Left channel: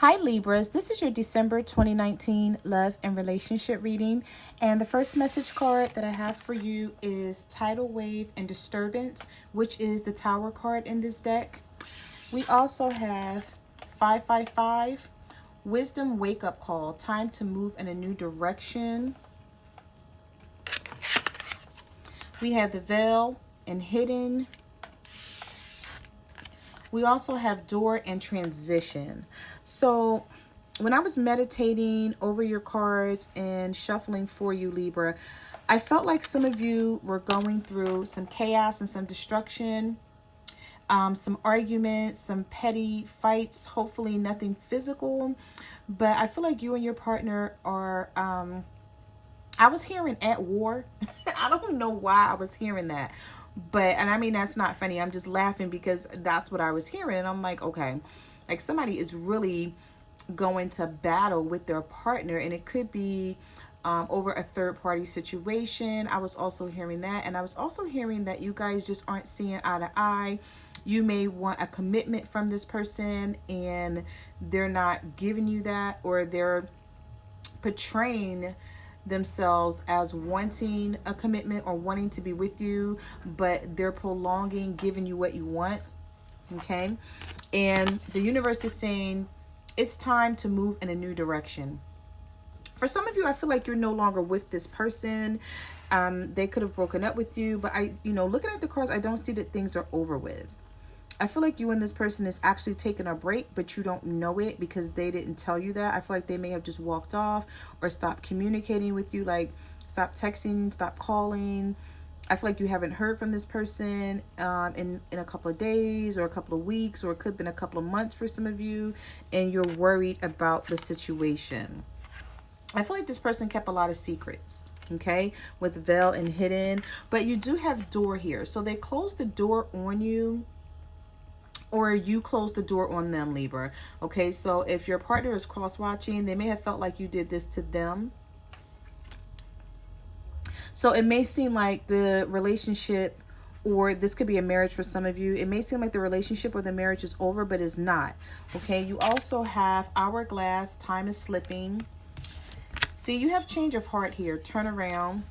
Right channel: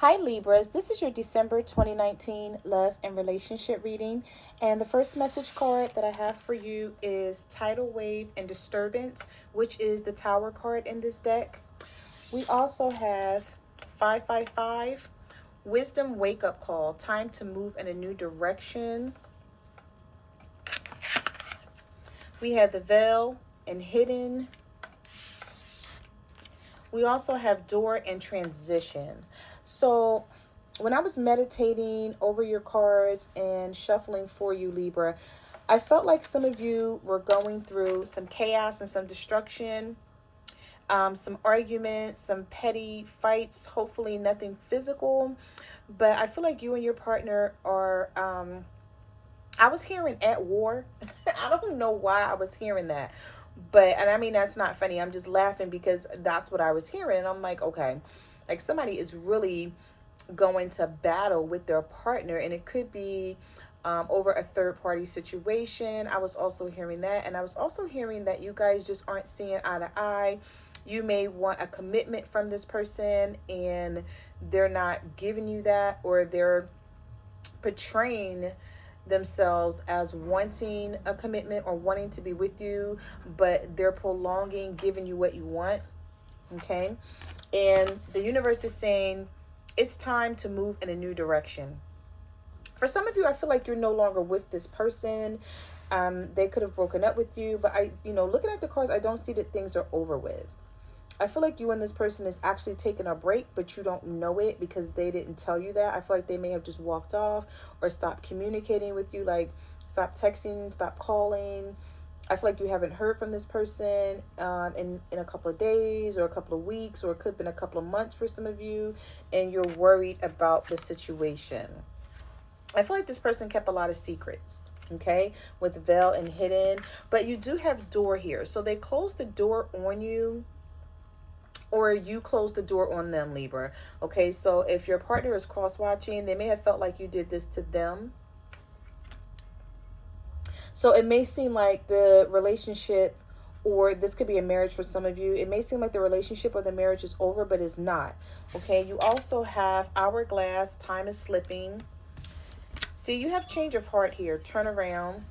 Hi Libras, this is your December 2019 love and relationship reading, and the first message card that I have for you is Tidal Wave and Disturbance, which is the Tower card in this deck. We also have 555, Wisdom Wake Up Call, time to move in a new direction. We have the Veil and Hidden. We also have Door and Transition. So when I was meditating over your cards and shuffling for you, Libra, I felt like some of you were going through some chaos and some destruction, some arguments, some petty fights, hopefully nothing physical. But I feel like you and your partner are, I was hearing at war. I don't know why I was hearing that. But, and I mean, that's not funny. I'm just laughing because that's what I was hearing. And I'm like, okay, like somebody is really going to battle with their partner, and it could be over a third party situation. I was also hearing that, and I was also hearing that you guys just aren't seeing eye to eye. You may want a commitment from this person and they're not giving you that, or they're portraying themselves as wanting a commitment or wanting to be with you, but they're prolonging giving you what you want. Okay, and the universe is saying it's time to move in a new direction. For some of you, I feel like you're no longer with this person. They could have broken up with you, but looking at the cards, I don't see that things are over with. I feel like you and this person is actually taking a break, but you don't know it because they didn't tell you that. I feel like they may have just walked off or stopped communicating with you, like stop texting, stop calling. I feel like you haven't heard from this person in a couple of days or a couple of weeks, or it could have been a couple of months for some of you, and you're worried about the situation. I feel like this person kept a lot of secrets, okay, with Veil and Hidden, but you do have Door here. So they closed the door on you, or you close the door on them, Libra. Okay, so if your partner is cross-watching, they may have felt like you did this to them. So it may seem like the relationship, or this could be a marriage for some of you, it may seem like the relationship or the marriage is over, but it's not. Okay, you also have Hourglass, time is slipping. See, you have change of heart here, turn around.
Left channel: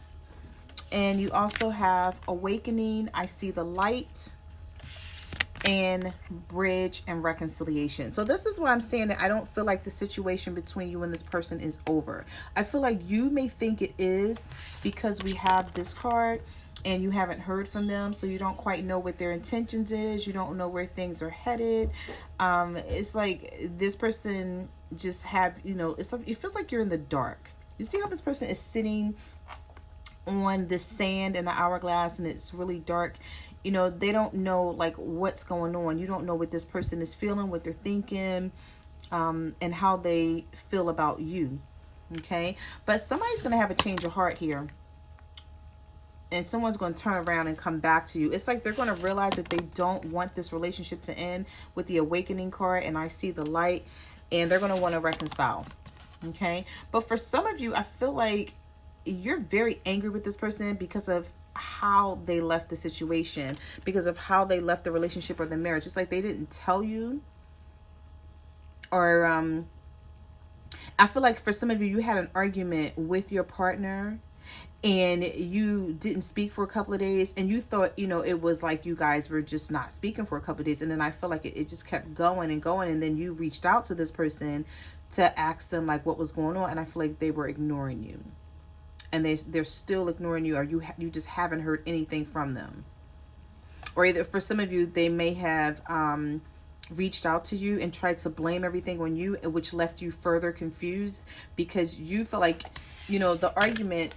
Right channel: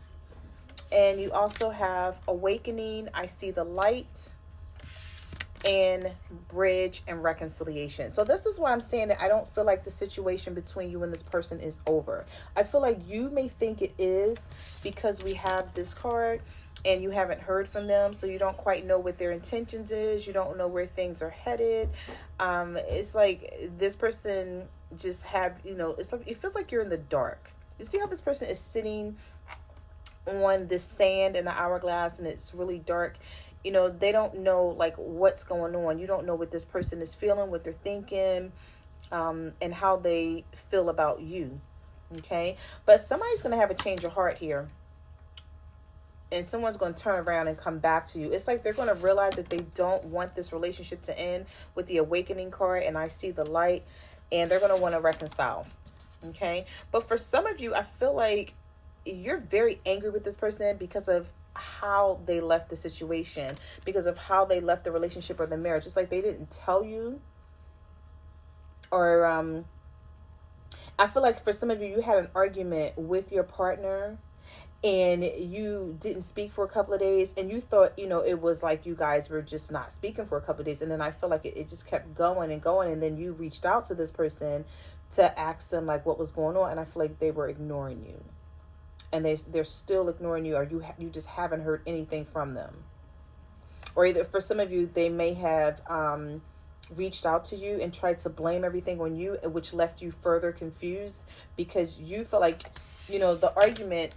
And you also have Awakening, I see the light, and Bridge and Reconciliation. So this is why I'm saying that I don't feel like the situation between you and this person is over. I feel like you may think it is because we have this card and you haven't heard from them, so you don't quite know what their intentions is. You don't know where things are headed. It's like this person just have, it's like, it feels like you're in the dark. You see how this person is sitting on this sand in the hourglass and it's really dark. They don't know like what's going on. You don't know what this person is feeling, what they're thinking, and how they feel about you. Okay, but somebody's going to have a change of heart here, and someone's going to turn around and come back to you. It's like they're going to realize that they don't want this relationship to end with the Awakening card, and I see the light, and they're going to want to reconcile. Okay, but for some of you, I feel like you're very angry with this person because of how they left the situation, because of how they left the relationship or the marriage. It's like they didn't tell you, or I feel like for some of you, you had an argument with your partner and you didn't speak for a couple of days, and you thought, it was like you guys were just not speaking for a couple of days, and then I feel like it just kept going and going, and then you reached out to this person to ask them like what was going on, and I feel like they were ignoring you, and they're still ignoring you, or you just haven't heard anything from them. Or either for some of you, they may have reached out to you and tried to blame everything on you, which left you further confused because you feel like, the argument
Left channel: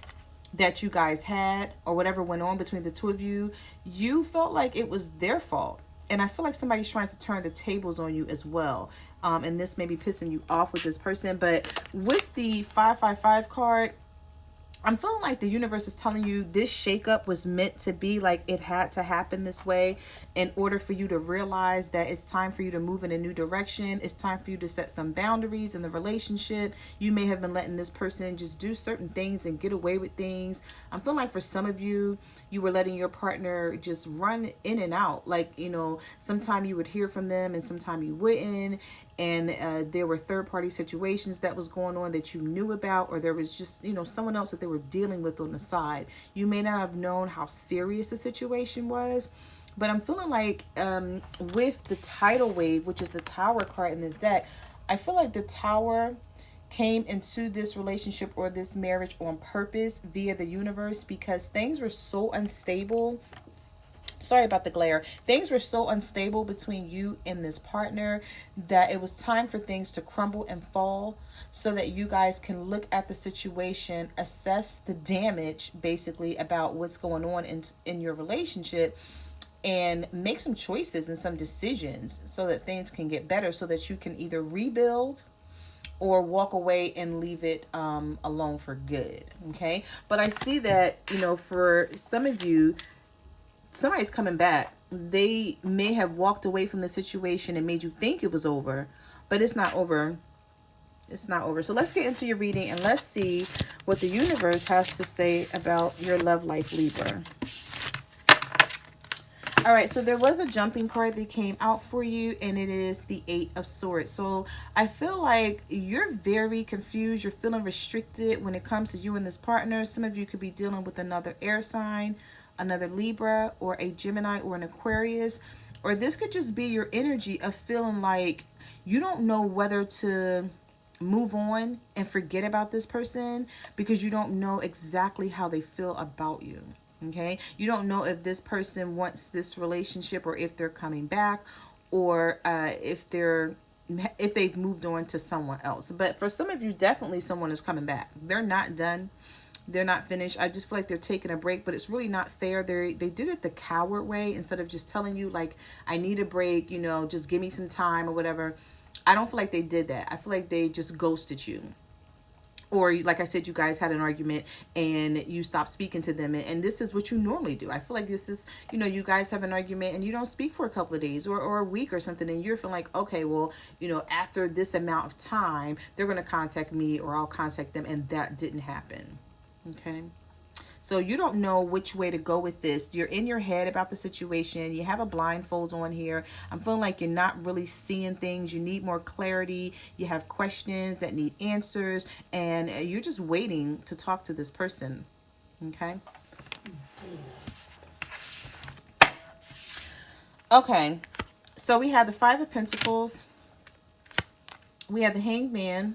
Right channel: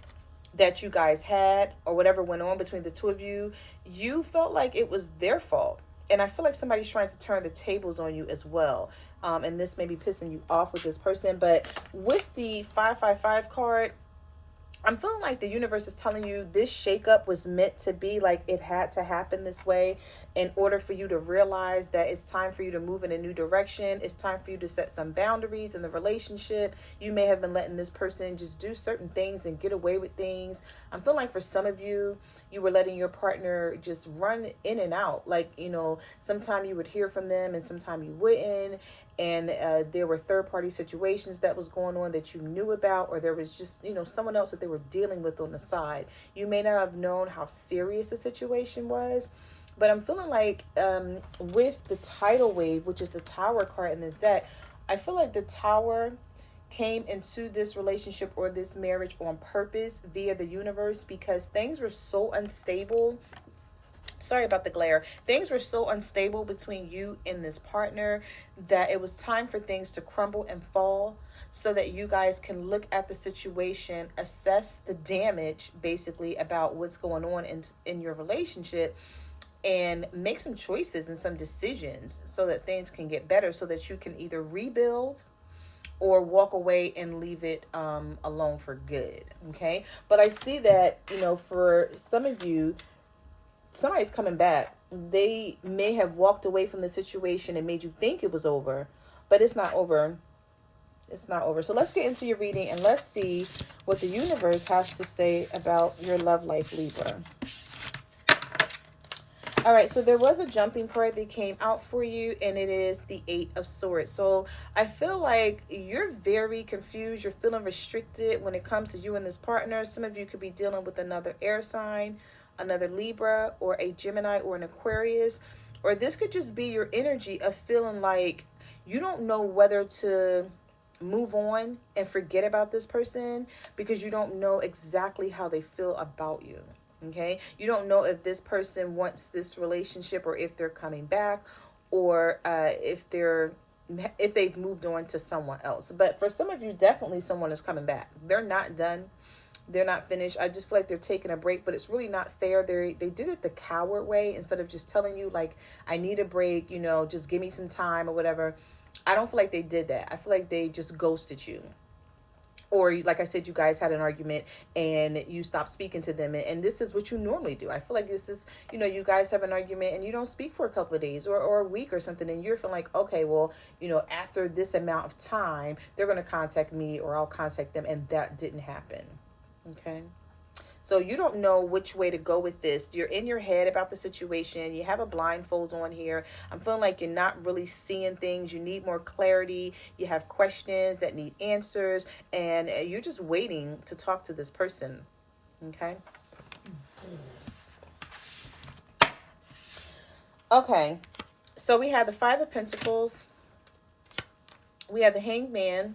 that you guys had or whatever went on between the two of you, you felt like it was their fault. And I feel like somebody's trying to turn the tables on you as well. And this may be pissing you off with this person. But with the 555 card, I'm feeling like the universe is telling you this shakeup was meant to be, like it had to happen this way in order for you to realize that it's time for you to move in a new direction. It's time for you to set some boundaries in the relationship. You may have been letting this person just do certain things and get away with things. I'm feeling like for some of you, you were letting your partner just run in and out. Like, you know, sometime you would hear from them and sometime you wouldn't. And there were third-party situations that was going on that you knew about, or there was just, you know, someone else that they were dealing with on the side. You may not have known how serious the situation was, but I'm feeling like with the tidal wave, which is the Tower card in this deck, I feel like the Tower came into this relationship or this marriage on purpose via the universe, because things were so unstable. Sorry about the glare. Things were so unstable between you and this partner that it was time for things to crumble and fall, so that you guys can look at the situation, assess the damage basically about what's going on in your relationship, and make some choices and some decisions so that things can get better, so that you can either rebuild or walk away and leave it alone for good. Okay, but I see that, you know, for some of you, somebody's coming back. They may have walked away from the situation and made you think it was over, but it's not over. It's not over. So let's get into your reading and let's see what the universe has to say about your love life, Libra. All right, so there was a jumping card that came out for you, and it is the 8 of Swords. So I feel like you're very confused. You're feeling restricted when it comes to you and this partner. Some of you could be dealing with another air sign, another Libra, or a Gemini, or an Aquarius. Or this could just be your energy of feeling like you don't know whether to move on and forget about this person because you don't know exactly how they feel about you. Okay, you don't know if this person wants this relationship, or if they're coming back, or if they've moved on to someone else. But for some of you, definitely someone is coming back. They're not done. They're not finished. I just feel like they're taking a break, but it's really not fair. They did it the coward way, instead of just telling you, like, I need a break, you know, just give me some time or whatever. I don't feel like they did that. I feel like they just ghosted you. Or like I said, you guys had an argument and you stopped speaking to them. And this is what you normally do. I feel like this is, you know, you guys have an argument and you don't speak for a couple of days or a week or something. And you're feeling like, okay, well, you know, after this amount of time, they're going to contact me or I'll contact them. And that didn't happen. Okay. So you don't know which way to go with this. You're in your head about the situation. You have a blindfold on here. I'm feeling like you're not really seeing things. You need more clarity. You have questions that need answers. And you're just waiting to talk to this person. Okay. Okay. So we have the 5 of Pentacles. We have the Hanged Man.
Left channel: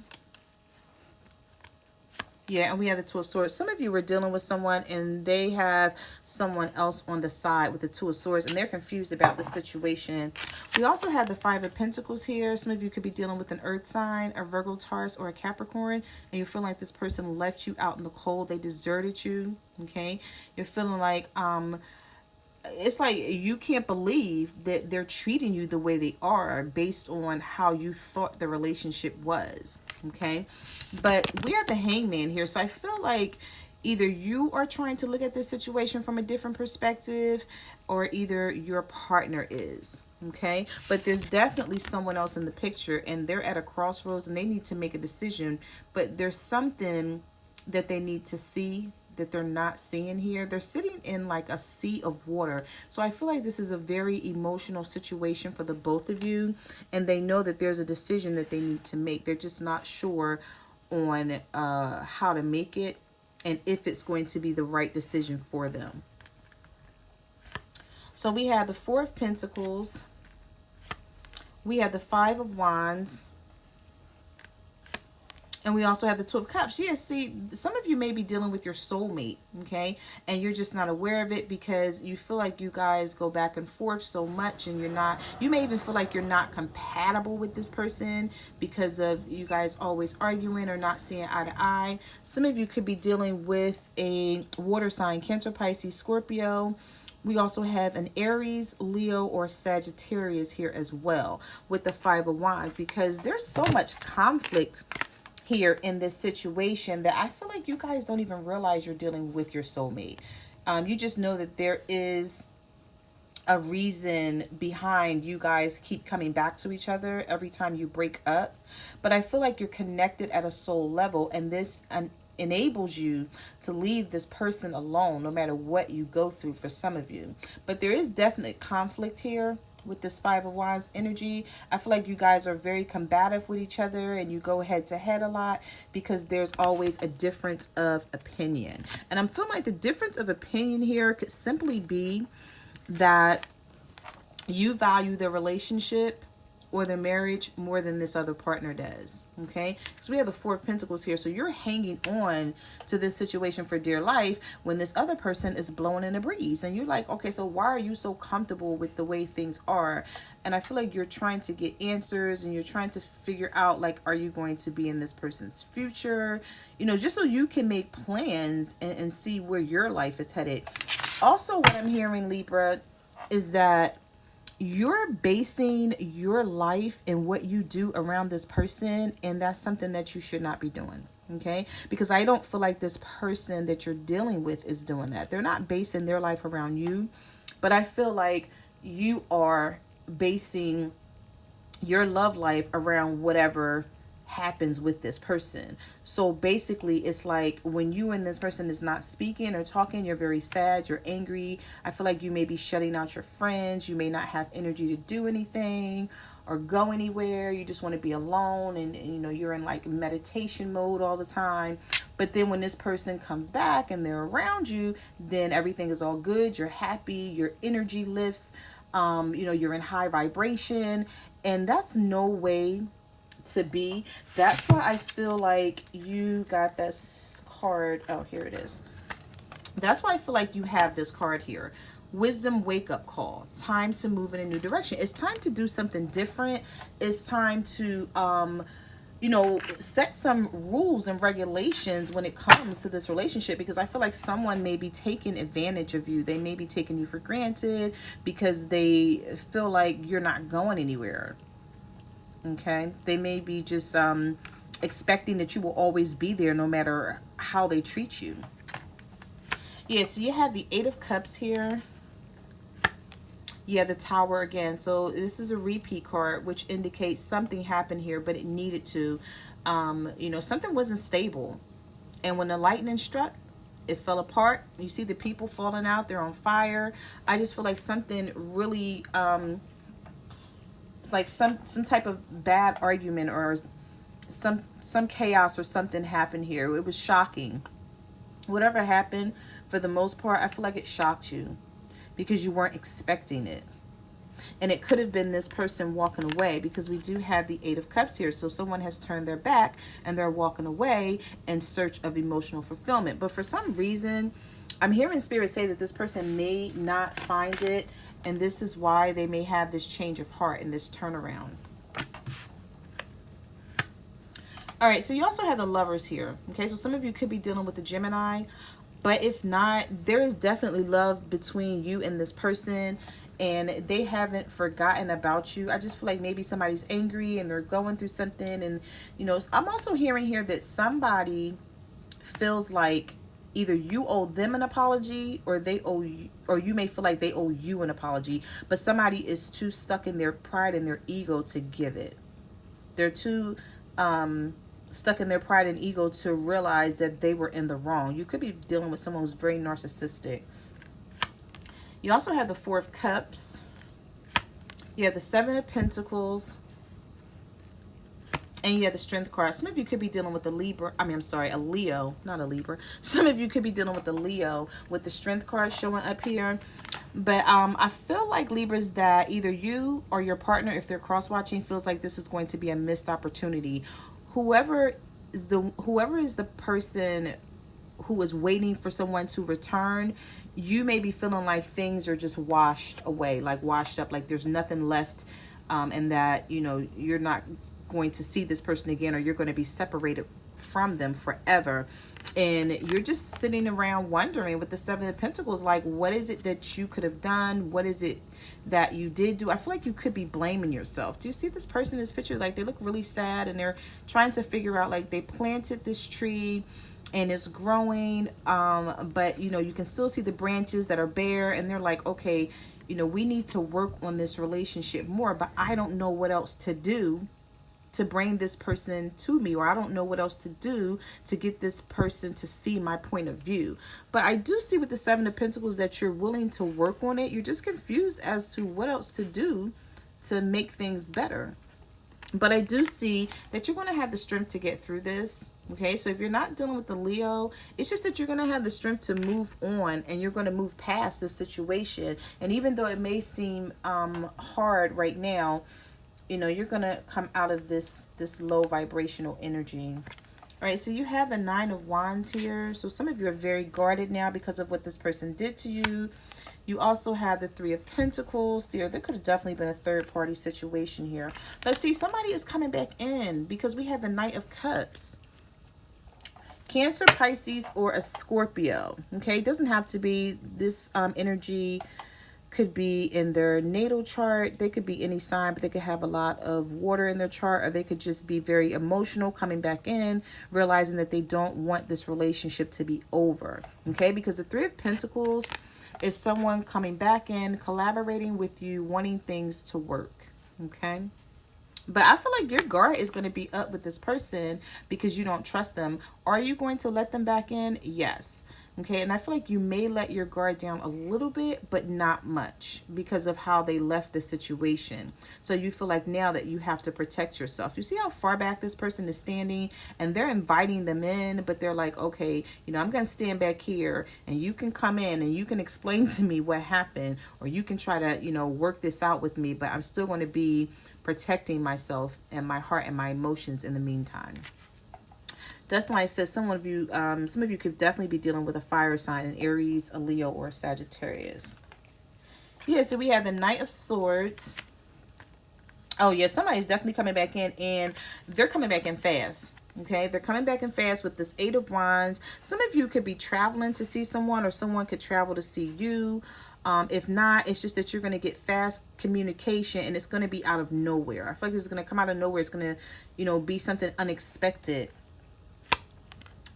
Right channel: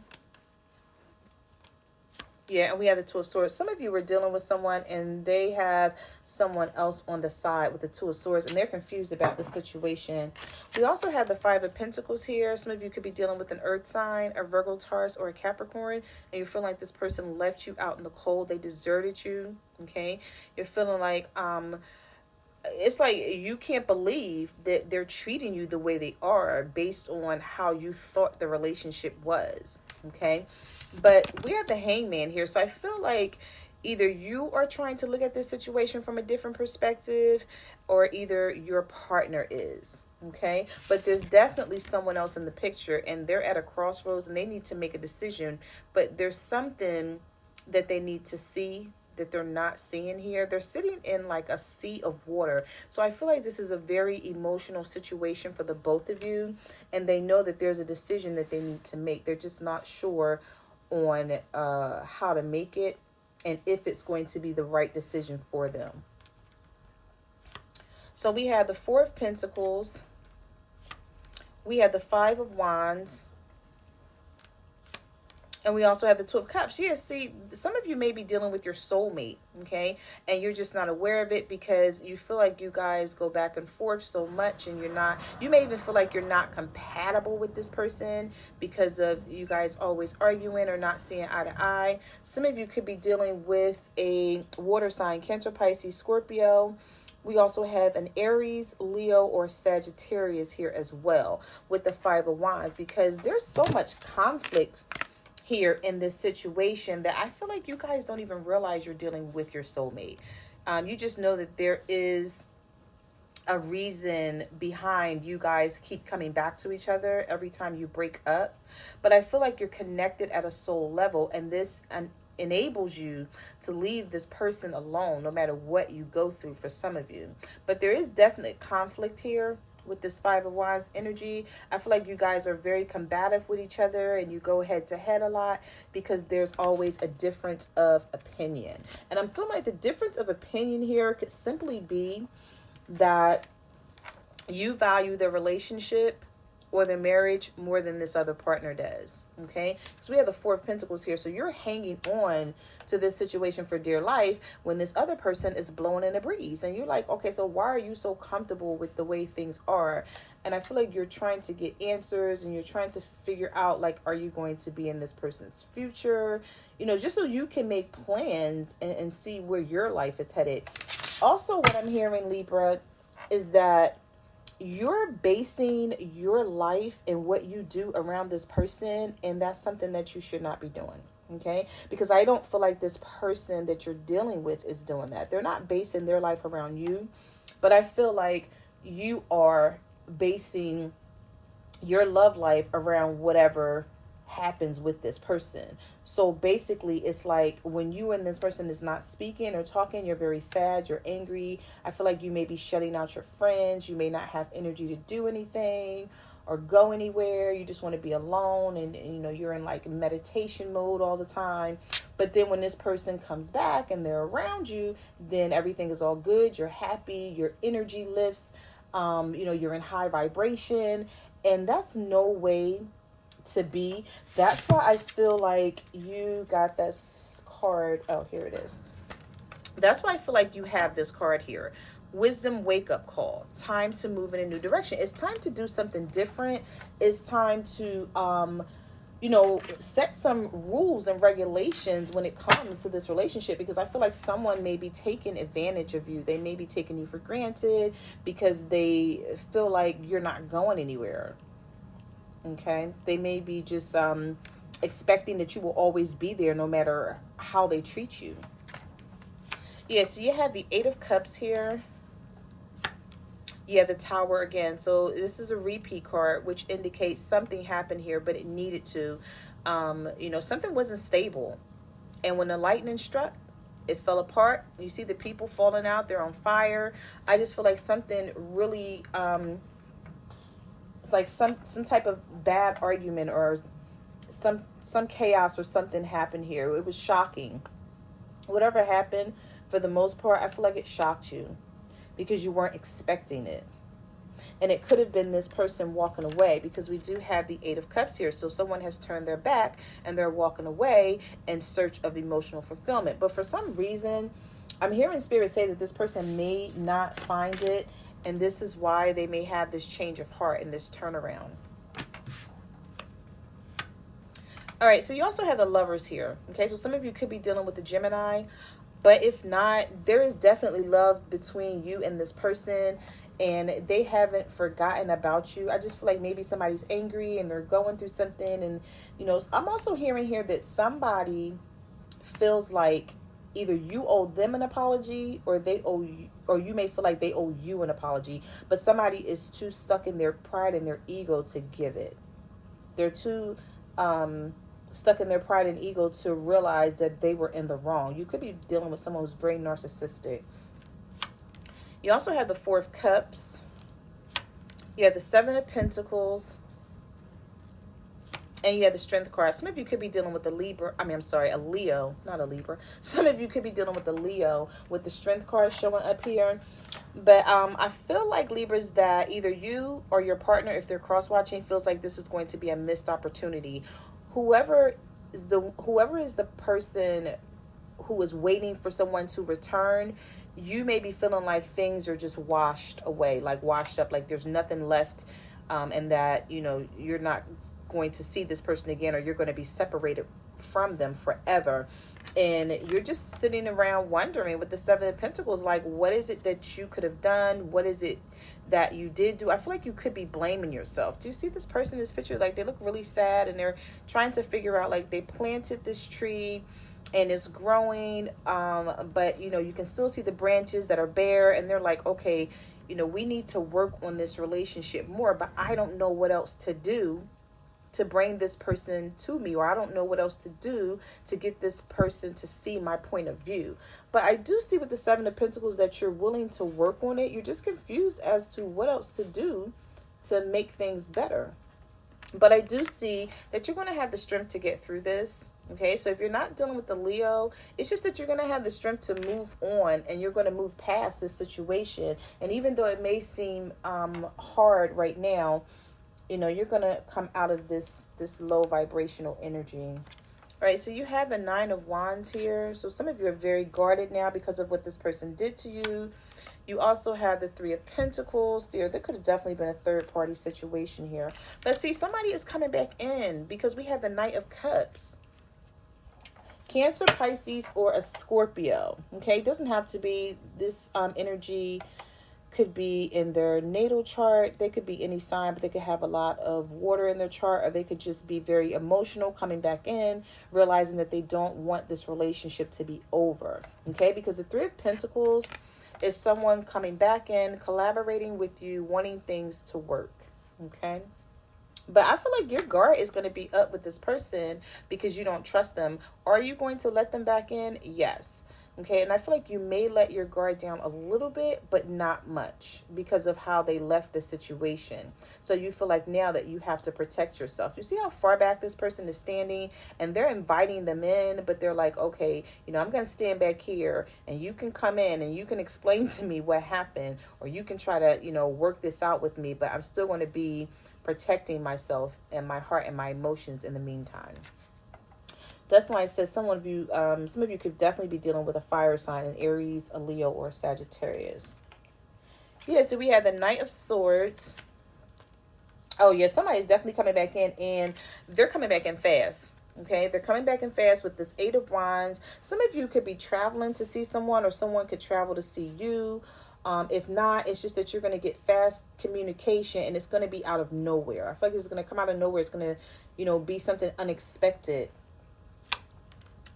Yeah, and we have the 2 of Swords. Some of you were dealing with someone and they have someone else on the side with the 2 of Swords and they're confused about the situation. We also have the 5 of Pentacles here. Some of you could be dealing with an earth sign, a Virgo, Taurus, or a Capricorn, and you feel like this person left you out in the cold. They deserted you, okay? You're feeling like it's like you can't believe that they're treating you the way they are based on how you thought the relationship was. Okay, but we have the Hangman here, so I feel like either you are trying to look at this situation from a different perspective, or either your partner is. Okay, but there's definitely someone else in the picture and they're at a crossroads and they need to make a decision, but there's something that they need to see that they're not seeing here. They're sitting in like a sea of water. So I feel like this is a very emotional situation for the both of you. And they know that there's a decision that they need to make. They're just not sure on how to make it and if it's going to be the right decision for them. So we have the 4 of Pentacles. We have the 5 of Wands. And we also have the 2 of Cups. Yeah, see, some of you may be dealing with your soulmate, okay? And you're just not aware of it because you feel like you guys go back and forth so much and you're not, you may even feel like you're not compatible with this person because of you guys always arguing or not seeing eye to eye. Some of you could be dealing with a water sign, Cancer, Pisces, Scorpio. We also have an Aries, Leo, or Sagittarius here as well with the 5 of Wands, because there's so much conflict here in this situation that I feel like you guys don't even realize you're dealing with your soulmate. You just know that there is a reason behind you guys keep coming back to each other every time you break up. But I feel like you're connected at a soul level, and this enables you to leave this person alone no matter what you go through for some of you. But there is definite conflict here with this Five of Wands energy. I feel like you guys are very combative with each other, and you go head to head a lot because there's always a difference of opinion. And I'm feeling like the difference of opinion here could simply be that you value the relationship or the marriage more than this other partner does. Okay, so we have the Four of Pentacles here, so you're hanging on to this situation for dear life when this other person is blowing in a breeze, and you're like, okay, so why are you so comfortable with the way things are? And I feel like you're trying to get answers, and you're trying to figure out, like, are you going to be in this person's future, you know, just so you can make plans and see where your life is headed. Also, what I'm hearing, Libra, is that you're basing your life and what you do around this person, and that's something that you should not be doing. Okay, because I don't feel like this person that you're dealing with is doing that. They're not basing their life around you, but I feel like you are basing your love life around whatever happens with this person. So basically, it's like when you and this person is not speaking or talking, you're very sad, you're angry. I feel like you may be shutting out your friends. You may not have energy to do anything or go anywhere. You just want to be alone, and you know, you're in like meditation mode all the time. But then when this person comes back and they're around you, then everything is all good. You're happy, your energy lifts, you know, you're in high vibration, and that's no way to be. That's why I feel like you got this card. Oh, here it is. That's why I feel like you have this card here. Wisdom wake up call. Time to move in a new direction. It's time to do something different. It's time to you know, set some rules and regulations when it comes to this relationship, because I feel like someone may be taking advantage of you. They may be taking you for granted because they feel like you're not going anywhere. Okay, they may be just expecting that you will always be there no matter how they treat you. Yeah, so you have the Eight of Cups here. You have the Tower again. So this is a repeat card, which indicates something happened here, but it needed to. You know, something wasn't stable. And when the lightning struck, it fell apart. You see the people falling out. They're on fire. I just feel like something really... it's like some type of bad argument or some chaos or something happened here. It was shocking. Whatever happened, for the most part, I feel like it shocked you because you weren't expecting it. And it could have been this person walking away, because we do have the Eight of Cups here. So someone has turned their back and they're walking away in search of emotional fulfillment. But for some reason, I'm hearing Spirit say that this person may not find it, and this is why they may have this change of heart and this turnaround. All right, so you also have the Lovers here. Okay, so some of you could be dealing with a Gemini, but if not, there is definitely love between you and this person, and they haven't forgotten about you. I just feel like maybe somebody's angry and they're going through something, and you know, I'm also hearing here that somebody feels like either you owe them an apology, or they owe you, or you may feel like they owe you an apology, but somebody is too stuck in their pride and their ego to give it. They're too stuck in their pride and ego to realize that they were in the wrong. You could be dealing with someone who's very narcissistic. You also have the Four of Cups. You have the Seven of Pentacles. And you have the Strength card. Some of you could be dealing with a Libra. I'm sorry, a Leo, not a Libra. Some of you could be dealing with a Leo with the Strength card showing up here. But I feel like, Libras, that either you or your partner, if they're cross-watching, feels like this is going to be a missed opportunity. Whoever is the person who is waiting for someone to return, you may be feeling like things are just washed away, like washed up, like there's nothing left, and that, you know, you're not going to see this person again, or you're going to be separated from them forever. And you're just sitting around wondering with the Seven of Pentacles, like, what is it that you could have done? What is it that you did do? I feel like you could be blaming yourself. Do you see this person in this picture? Like, they look really sad, and they're trying to figure out, like, they planted this tree and it's growing, but you know, you can still see the branches that are bare, and they're like, okay, you know, we need to work on this relationship more, but I don't know what else to do to bring this person to me, or I don't know what else to do to get this person to see my point of view. But I do see with the Seven of Pentacles that you're willing to work on it. You're just confused as to what else to do to make things better. But I do see that you're going to have the strength to get through this. Okay, so if you're not dealing with the Leo, it's just that you're going to have the strength to move on, and you're going to move past this situation. And even though it may seem hard right now, you know, you're going to come out of this low vibrational energy. All right, so you have the Nine of Wands here. So some of you are very guarded now because of what this person did to you. You also have the Three of Pentacles there. There could have definitely been a third-party situation here. But see, somebody is coming back in because we have the Knight of Cups. Cancer, Pisces, or a Scorpio. Okay, it doesn't have to be this energy. Could be in their natal chart. They could be any sign, but they could have a lot of water in their chart, or they could just be very emotional, coming back in, realizing that they don't want this relationship to be over. Okay, because the Three of Pentacles is someone coming back in, collaborating with you, wanting things to work. Okay, but I feel like your guard is going to be up with this person because you don't trust them. Are you going to let them back in? Yes. Okay, and I feel like you may let your guard down a little bit, but not much because of how they left the situation. So you feel like now that you have to protect yourself. You see how far back this person is standing, and they're inviting them in, but they're like, okay, you know, I'm going to stand back here, and you can come in and you can explain to me what happened, or you can try to, you know, work this out with me, but I'm still going to be protecting myself and my heart and my emotions in the meantime. That's why I said some of you could definitely be dealing with a fire sign, an Aries, a Leo, or a Sagittarius. Yeah, so we have the Knight of Swords. Oh, yeah, somebody's definitely coming back in, and they're coming back in fast. Okay, they're coming back in fast with this Eight of Wands. Some of you could be traveling to see someone, or someone could travel to see you. If not, it's just that you're going to get fast communication, and it's going to be out of nowhere. I feel like it's going to come out of nowhere. It's going to, you know, be something unexpected.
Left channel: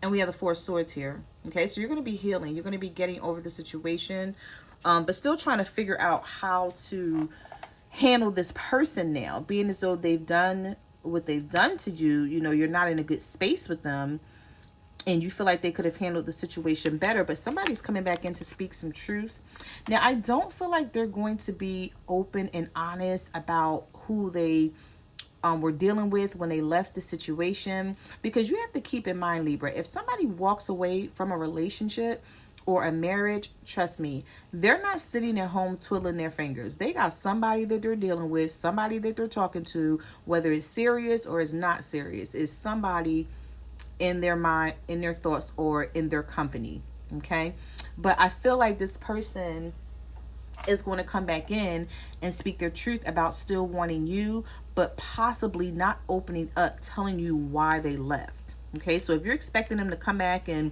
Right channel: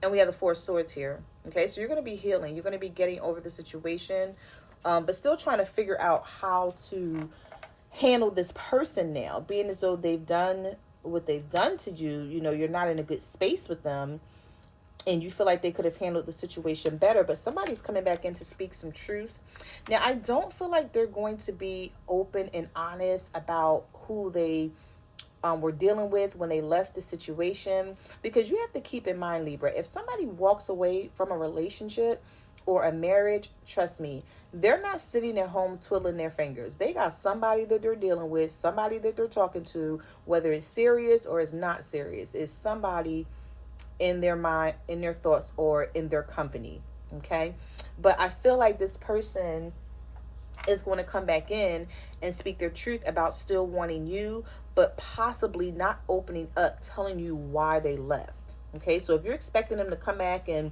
And we have the Four of Swords here. Okay, so you're going to be healing. You're going to be getting over the situation, but still trying to figure out how to handle this person now. Being as though they've done what they've done to you, you know, you're not in a good space with them, and you feel like they could have handled the situation better, but somebody's coming back in to speak some truth. Now, I don't feel like they're going to be open and honest about who they were dealing with when they left the situation, because you have to keep in mind, Libra, if somebody walks away from a relationship or a marriage, trust me, they're not sitting at home twiddling their fingers. They got somebody that they're dealing with, somebody that they're talking to, whether it's serious or it's not serious. It's somebody in their mind, in their thoughts, or in their company. Okay, but I feel like this person is going to come back in and speak their truth about still wanting you, but possibly not opening up, telling you why they left. Okay, so if you're expecting them to come back and,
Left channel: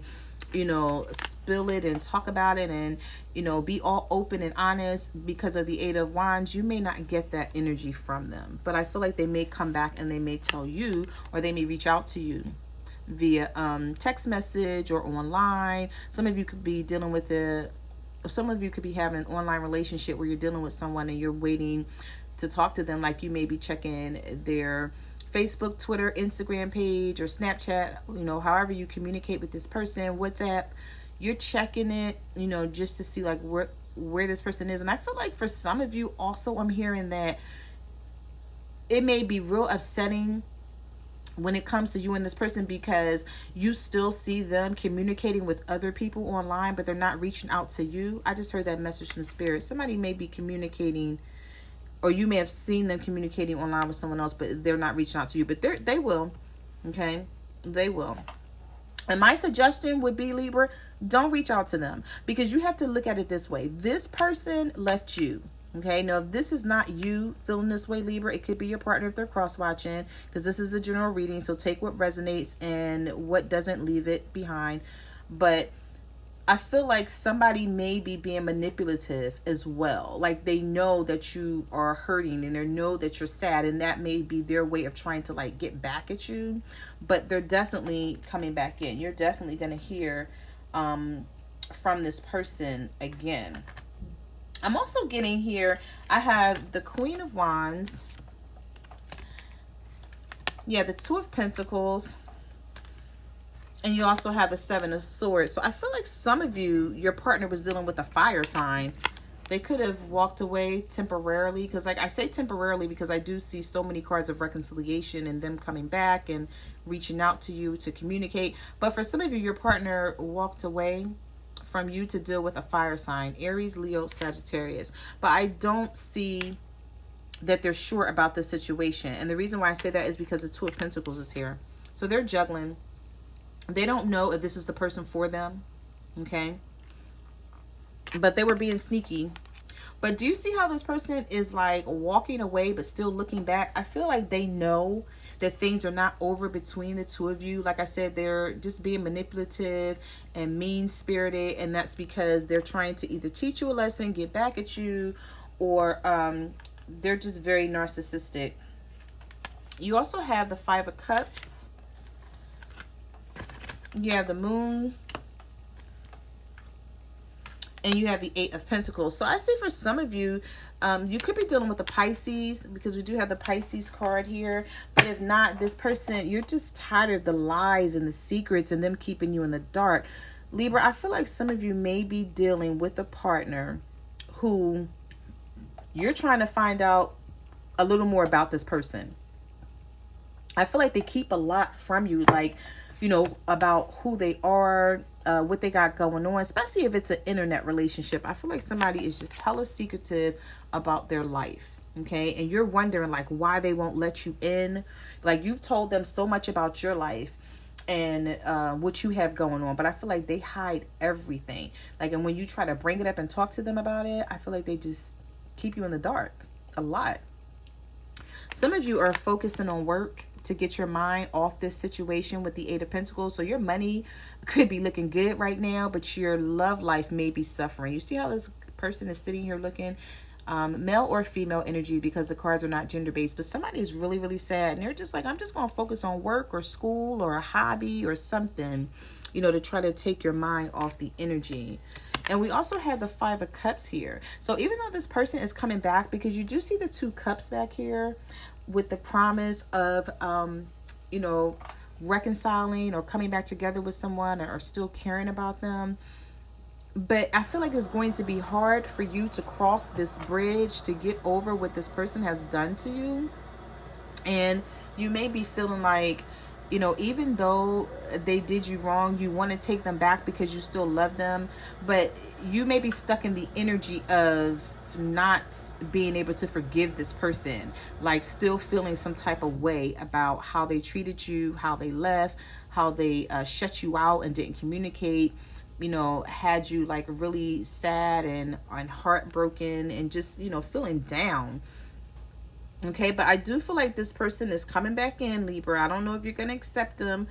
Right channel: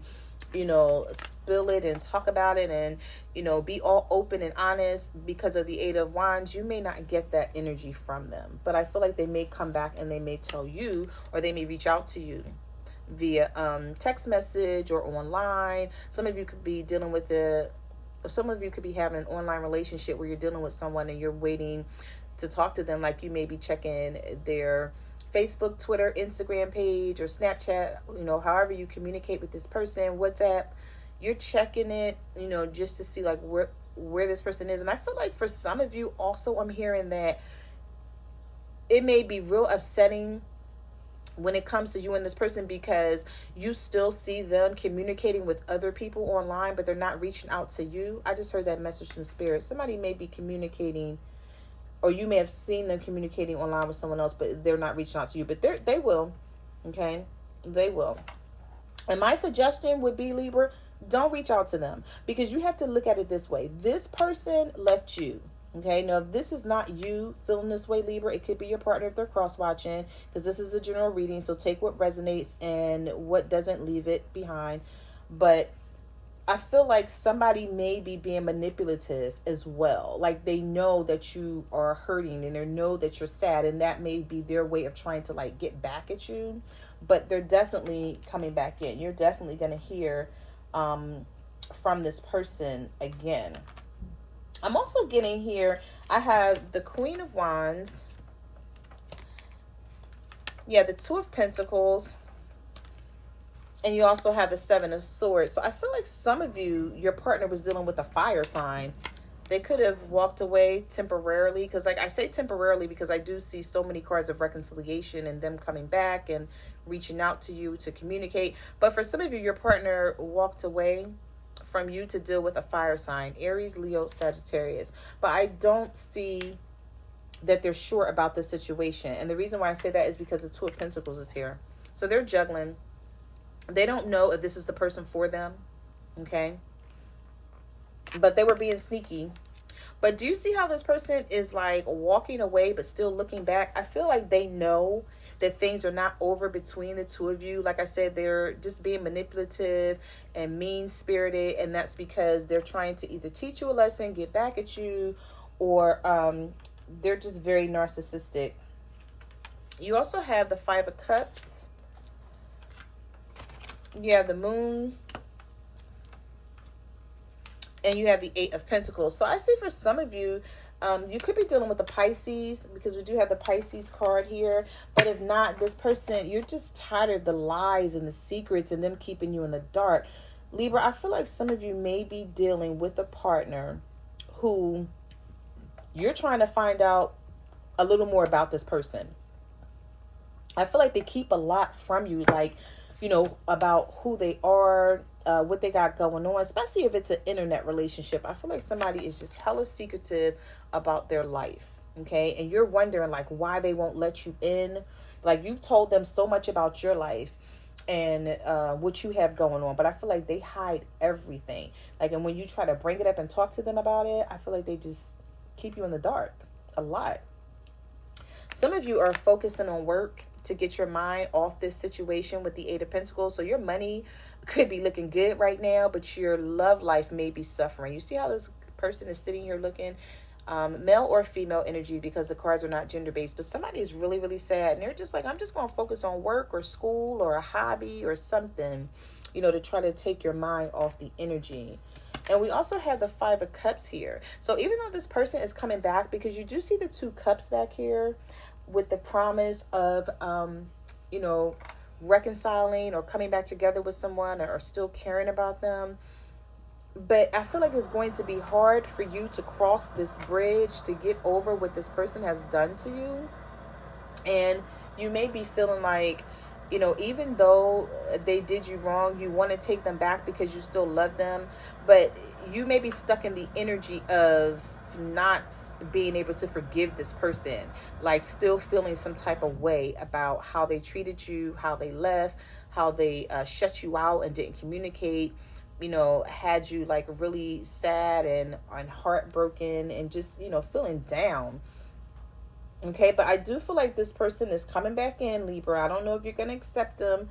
you know, spill it and talk about it and, you know, be all open and honest because of the Eight of Wands, you may not get that energy from them. But I feel like they may come back and they may tell you, or they may reach out to you via text message or online. Some of you could be dealing with it. Some of you could be having an online relationship where you're dealing with someone and you're waiting to talk to them. Like you may be checking their Facebook, Twitter, Instagram page, or Snapchat, you know, however you communicate with this person, WhatsApp, you're checking it, you know, just to see like where this person is. And I feel like for some of you also, I'm hearing that it may be real upsetting when it comes to you and this person, because you still see them communicating with other people online, but they're not reaching out to you. I just heard that message from Spirit. Somebody may be communicating, or you may have seen them communicating online with someone else, but they're not reaching out to you. But they will. Okay, they will. And my suggestion would be, Libra, don't reach out to them, because you have to look at it this way. This person left you. Okay, now if this is not you feeling this way, Libra, it could be your partner if they're cross-watching, because this is a general reading, so take what resonates and what doesn't, leave it behind. But I feel like somebody may be being manipulative as well. Like they know that you are hurting and they know that you're sad, and that may be their way of trying to like get back at you. But they're definitely coming back in. You're definitely going to hear from this person again. I'm also getting here, I have the Queen of Wands. Yeah, the Two of Pentacles. And you also have the Seven of Swords. So I feel like some of you, your partner was dealing with a fire sign. They could have walked away temporarily, because like I say temporarily because I do see so many cards of reconciliation and them coming back and reaching out to you to communicate. But for some of you, your partner walked away from you to deal with a fire sign, Aries, Leo, Sagittarius. But I don't see that they're sure about the situation. And the reason why I say that is because the Two of Pentacles is here. So they're juggling. They don't know if this is the person for them. Okay. But they were being sneaky. But do you see how this person is like walking away but still looking back? I feel like they know that things are not over between the two of you. Like I said, they're just being manipulative and mean-spirited, and that's because they're trying to either teach you a lesson, get back at you, or they're just very narcissistic. You also have the Five of Cups. You have the Moon. And you have the Eight of Pentacles. So I see for some of you, you could be dealing with the Pisces, because we do have the Pisces card here. But if not, this person, you're just tired of the lies and the secrets and them keeping you in the dark. Libra, I feel like some of you may be dealing with a partner who you're trying to find out a little more about this person. I feel like they keep a lot from you, like, you know, about who they are, what they got going on, especially if it's an internet relationship. I feel like somebody is just hella secretive about their life, okay? And you're wondering, like, why they won't let you in. Like, you've told them so much about your life and what you have going on, but I feel like they hide everything. Like, and when you try to bring it up and talk to them about it, I feel like they just keep you in the dark a lot. Some of you are focusing on work to get your mind off this situation with the Eight of Pentacles. So your money could be looking good right now, but your love life may be suffering. You see how this person is sitting here looking? Male or female energy, because the cards are not gender-based. But somebody is really, really sad. And they're just like, I'm just going to focus on work or school or a hobby or something, you know, to try to take your mind off the energy. And we also have the Five of Cups here. So even though this person is coming back, because you do see the Two Cups back here with the promise of, you know, reconciling or coming back together with someone, or still caring about them. But I feel like it's going to be hard for you to cross this bridge to get over what this person has done to you. And you may be feeling like, you know, even though they did you wrong, you want to take them back because you still love them. But you may be stuck in the energy of not being able to forgive this person, like still feeling some type of way about how they treated you, how they left, how they shut you out and didn't communicate, you know, had you like really sad and heartbroken and just, you know, feeling down. Okay, but I do feel like this person is coming back in, Libra. I don't know if you're going to accept them.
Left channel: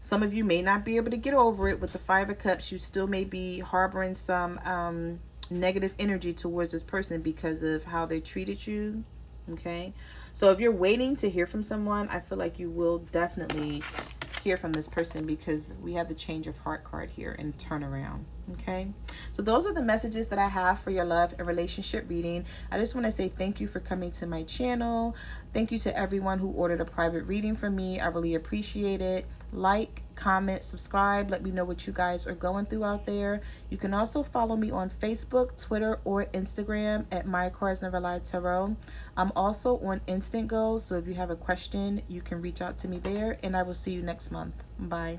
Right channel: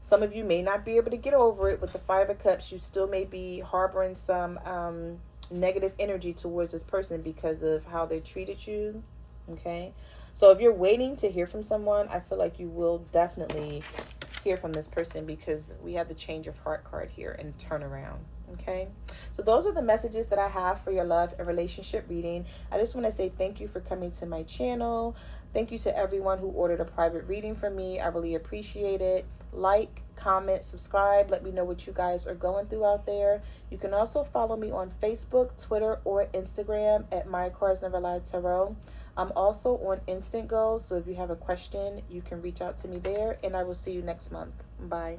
Some of you may not be able to get over it with the Five of Cups. You still may be harboring some negative energy towards this person because of how they treated you. Okay, so if you're waiting to hear from someone, I feel like you will definitely hear from this person, because we have the Change of Heart card here and turnaround. Okay, so those are the messages that I have for your love and relationship reading. I just want to say thank you for coming to my channel. Thank you to everyone who ordered a private reading from me. I really appreciate it. Like, comment, subscribe. Let me know what you guys are going through out there. You can also follow me on Facebook, Twitter, or Instagram at My Cards Never Lie Tarot. I'm also on Instant Goals, so if you have a question, you can reach out to me there, and I will see you next month. Bye.